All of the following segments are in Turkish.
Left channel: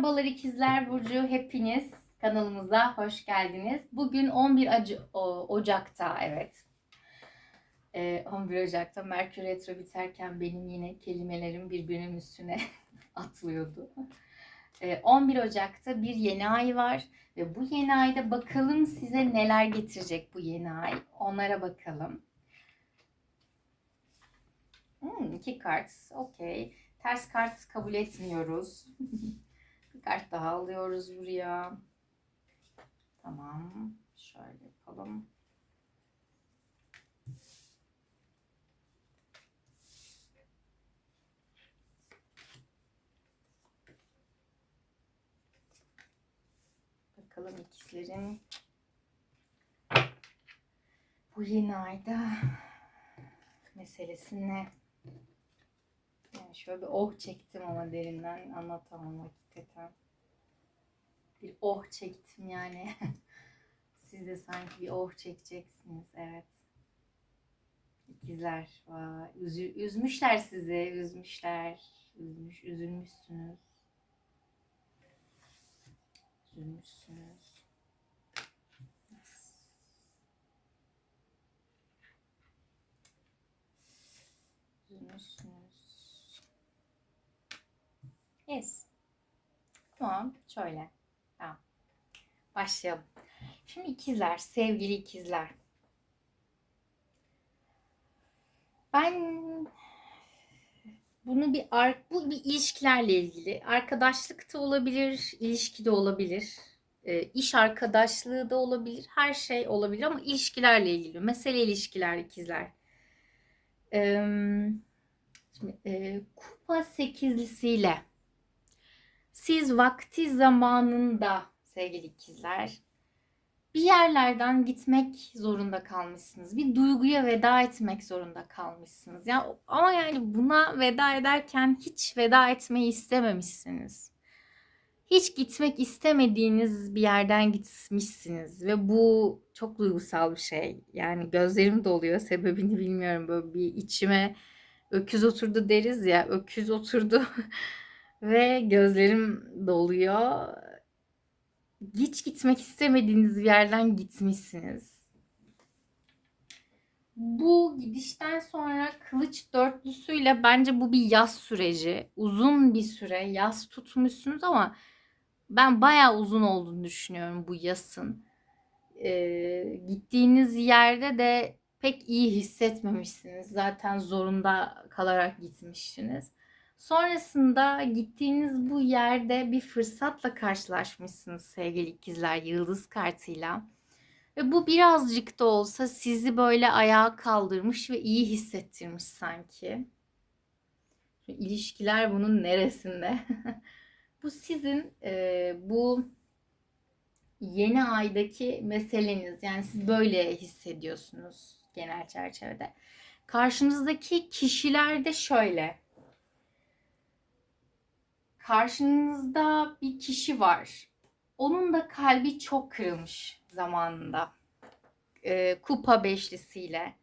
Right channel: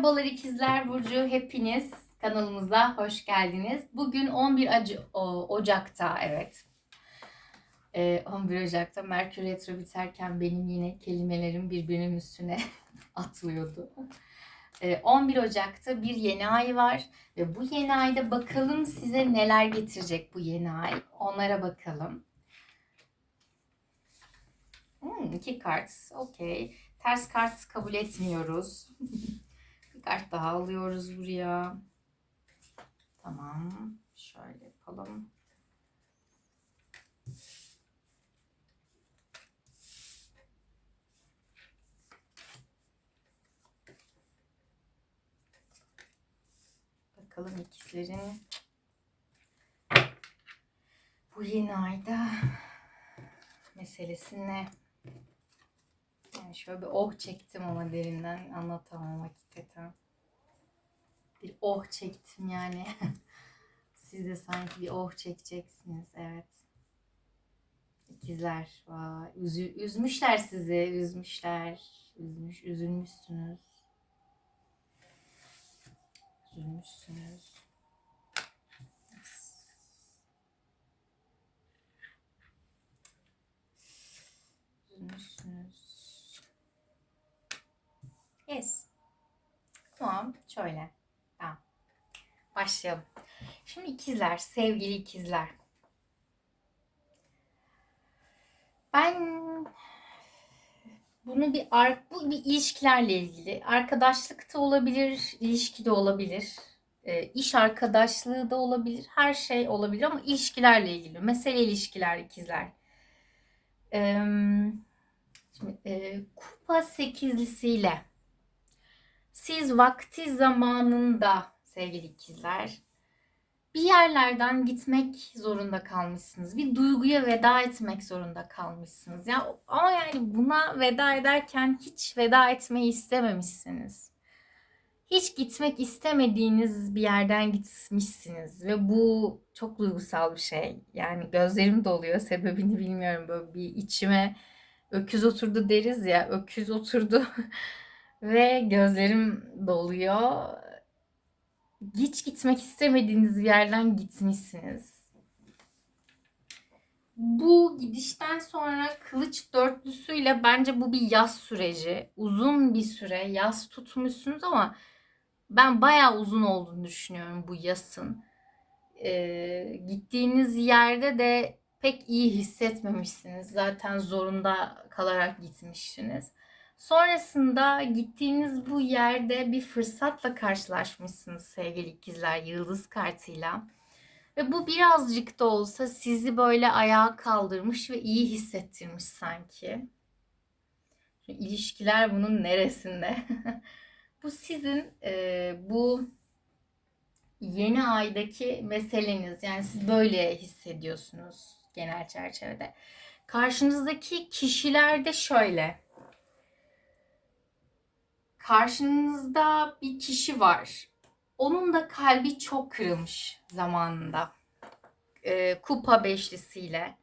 Merhabalar ikizler Burcu hepiniz kanalımıza hoş geldiniz. Bugün 11 Ac- o- Ocak'ta evet. Ee, 11 Ocak'ta Merkür Retro biterken benim yine kelimelerim birbirinin üstüne atlıyordu. Ee, 11 Ocak'ta bir yeni ay var ve bu yeni ayda bakalım size neler getirecek bu yeni ay. Onlara bakalım. Hmm, iki kart. Okey. Ters kart kabul etmiyoruz. Bir kart daha alıyoruz buraya. Tamam. Şöyle yapalım. Bakalım ikizlerin bu yeni ayda meselesi ne? Şöyle bir oh çektim ama derinden anlatamam hakikaten. Bir oh çektim yani. Siz de sanki bir oh çekeceksiniz. Evet. İkizler. Vay. Üzü, üzmüşler sizi. Üzmüşler. Üzmüş, üzülmüşsünüz. Üzülmüşsünüz. Üzülmüşsünüz. Yes. Tamam. Şöyle. Tamam. Başlayalım. Şimdi ikizler, sevgili ikizler. Ben bunu bir bu bir ilişkilerle ilgili. Arkadaşlık da olabilir, ilişki de olabilir. e, iş arkadaşlığı da olabilir. Her şey olabilir ama ilişkilerle ilgili. Mesele ilişkiler ikizler. Em, Şimdi, e, kupa sekizlisiyle siz vakti zamanında sevgili ikizler bir yerlerden gitmek zorunda kalmışsınız. Bir duyguya veda etmek zorunda kalmışsınız. Ya ama yani buna veda ederken hiç veda etmeyi istememişsiniz. Hiç gitmek istemediğiniz bir yerden gitmişsiniz ve bu çok duygusal bir şey. Yani gözlerim doluyor. Sebebini bilmiyorum. Böyle bir içime öküz oturdu deriz ya. Öküz oturdu ve gözlerim doluyor. Hiç gitmek istemediğiniz bir yerden gitmişsiniz. Bu gidişten sonra kılıç dörtlüsüyle bence bu bir yaz süreci. Uzun bir süre yaz tutmuşsunuz ama ben bayağı uzun olduğunu düşünüyorum bu yasın. Ee, gittiğiniz yerde de pek iyi hissetmemişsiniz. Zaten zorunda kalarak gitmişsiniz. Sonrasında gittiğiniz bu yerde bir fırsatla karşılaşmışsınız sevgili ikizler yıldız kartıyla. Ve bu birazcık da olsa sizi böyle ayağa kaldırmış ve iyi hissettirmiş sanki. Şu ilişkiler bunun neresinde? bu sizin e, bu yeni aydaki meseleniz. Yani siz böyle hissediyorsunuz genel çerçevede. Karşınızdaki kişiler de şöyle. Karşınızda bir kişi var. Onun da kalbi çok kırılmış zamanında. Ee, kupa beşlisiyle.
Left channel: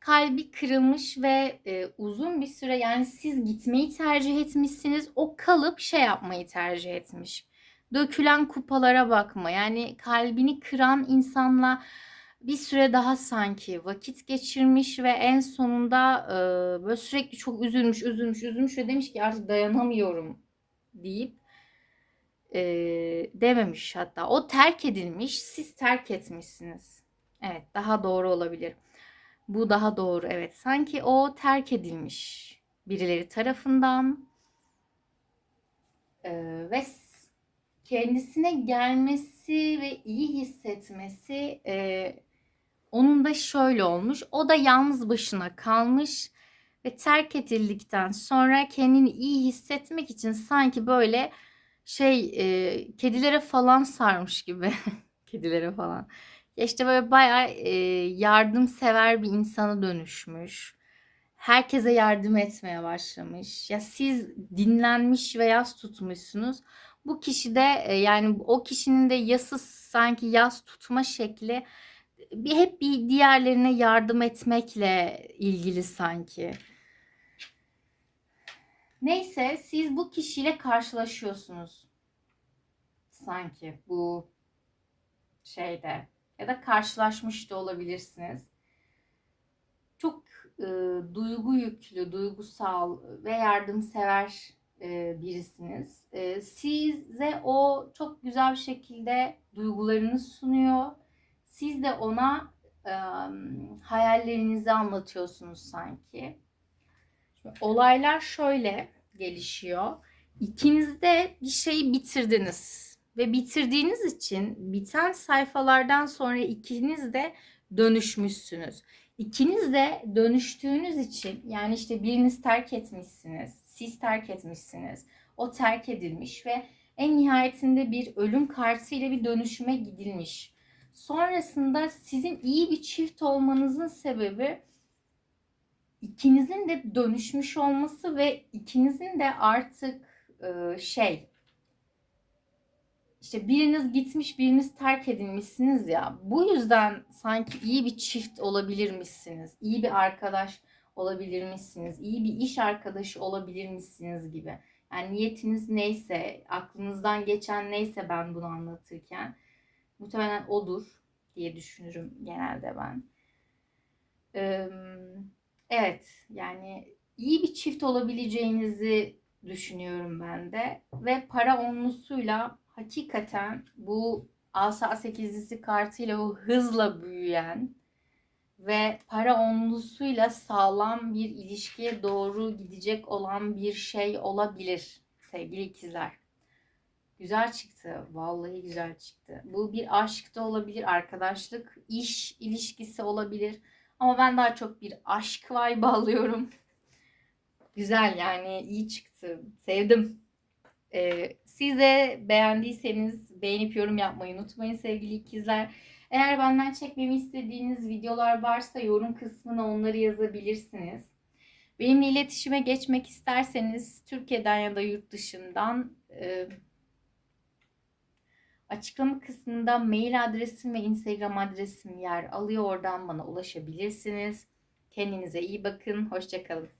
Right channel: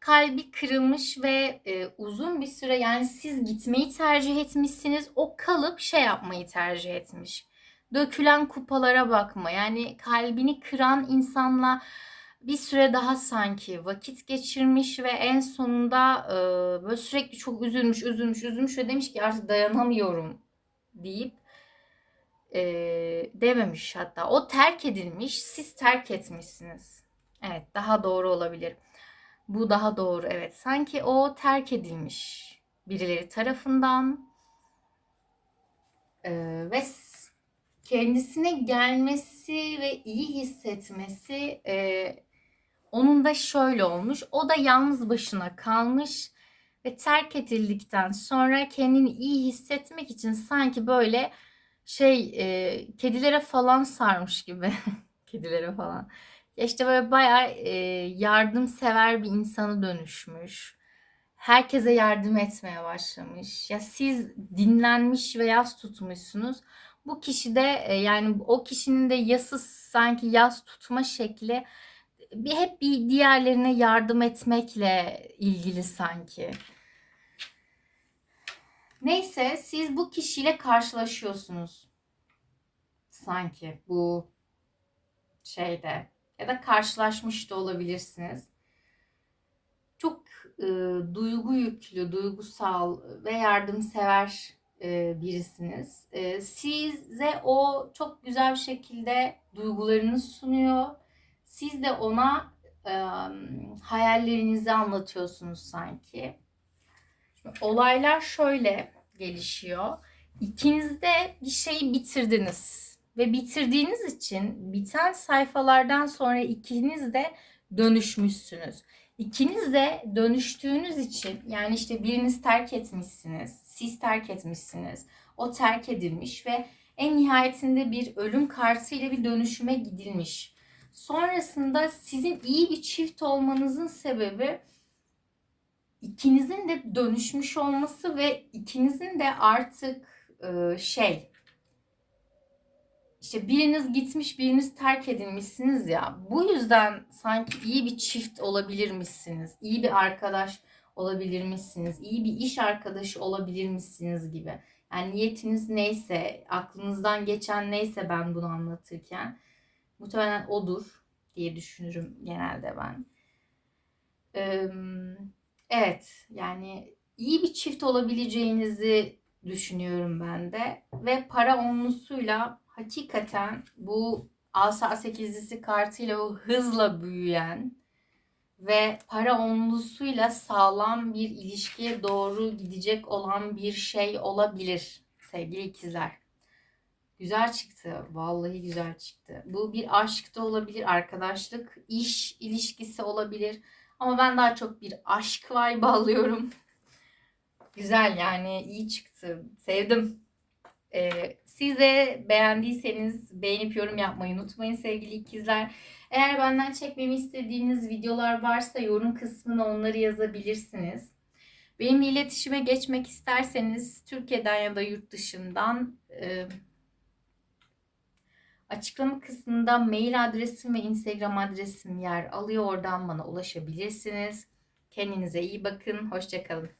Kalbi kırılmış ve e, uzun bir süre yani siz gitmeyi tercih etmişsiniz. O kalıp şey yapmayı tercih etmiş. Dökülen kupalara bakma. Yani kalbini kıran insanla bir süre daha sanki vakit geçirmiş ve en sonunda e, böyle sürekli çok üzülmüş, üzülmüş, üzülmüş ve demiş ki artık dayanamıyorum deyip e, dememiş hatta. O terk edilmiş, siz terk etmişsiniz. Evet, daha doğru olabilir. Bu daha doğru, evet. Sanki o terk edilmiş birileri tarafından e, ve kendisine gelmesi ve iyi hissetmesi e, onun da şöyle olmuş. O da yalnız başına kalmış ve terk edildikten sonra kendini iyi hissetmek için sanki böyle şey e, kedilere falan sarmış gibi. kedilere falan. Ya işte böyle bayağı e, yardımsever bir insana dönüşmüş. Herkese yardım etmeye başlamış. Ya siz dinlenmiş ve yas tutmuşsunuz. Bu kişi de e, yani o kişinin de yası sanki yas tutma şekli bir hep bir diğerlerine yardım etmekle ilgili sanki. Neyse siz bu kişiyle karşılaşıyorsunuz. sanki bu şeyde ya da karşılaşmış da olabilirsiniz. Çok e, duygu yüklü, duygusal ve yardımsever e, birisiniz. E, size o çok güzel bir şekilde duygularını sunuyor. Siz de ona e, hayallerinizi anlatıyorsunuz sanki. Olaylar şöyle gelişiyor. İkiniz de bir şeyi bitirdiniz ve bitirdiğiniz için biten sayfalardan sonra ikiniz de dönüşmüşsünüz. İkiniz de dönüştüğünüz için yani işte biriniz terk etmişsiniz, siz terk etmişsiniz, o terk edilmiş ve en nihayetinde bir ölüm kartıyla bir dönüşüme gidilmiş. Sonrasında sizin iyi bir çift olmanızın sebebi ikinizin de dönüşmüş olması ve ikinizin de artık e, şey işte biriniz gitmiş biriniz terk edilmişsiniz ya. Bu yüzden sanki iyi bir çift olabilirmişsiniz iyi bir arkadaş olabilirmişsiniz iyi bir iş arkadaşı olabilirmişsiniz gibi. Yani niyetiniz neyse aklınızdan geçen neyse ben bunu anlatırken muhtemelen odur diye düşünürüm genelde ben. Ee, Evet, yani iyi bir çift olabileceğinizi düşünüyorum ben de. Ve para onlusuyla hakikaten bu asa sekizlisi kartıyla o hızla büyüyen ve para onlusuyla sağlam bir ilişkiye doğru gidecek olan bir şey olabilir sevgili ikizler. Güzel çıktı. Vallahi güzel çıktı. Bu bir aşk da olabilir, arkadaşlık, iş ilişkisi olabilir. Ama ben daha çok bir aşk vibe alıyorum. Güzel yani iyi çıktı. Sevdim. Ee, siz de beğendiyseniz beğenip yorum yapmayı unutmayın sevgili ikizler. Eğer benden çekmemi istediğiniz videolar varsa yorum kısmına onları yazabilirsiniz. Benimle iletişime geçmek isterseniz Türkiye'den ya da yurt dışından e, Açıklama kısmında mail adresim ve Instagram adresim yer alıyor. Oradan bana ulaşabilirsiniz. Kendinize iyi bakın. Hoşçakalın.